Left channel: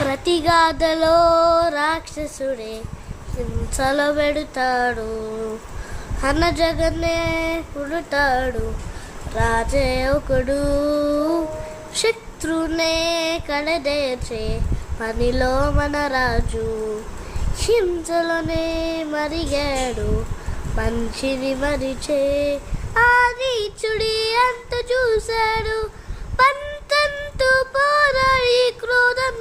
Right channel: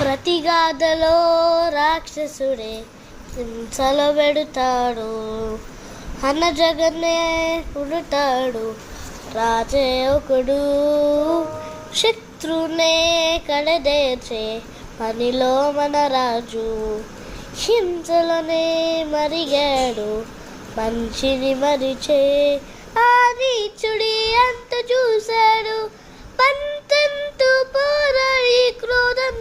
ప్రతి గాథలో రాక్షసుడే హింసలో పెడతాడు, అన్న జగన్నే పుడతాడు, రాజే ఒకడు శత్రునే కడదేర్చే పనిలో మన రాజు. హింసలోనే మరిగాడు మంచిని మరిచే, ఆ నీచుడి అంత చూశాడు పంతంతు పోరాడి క్రోధం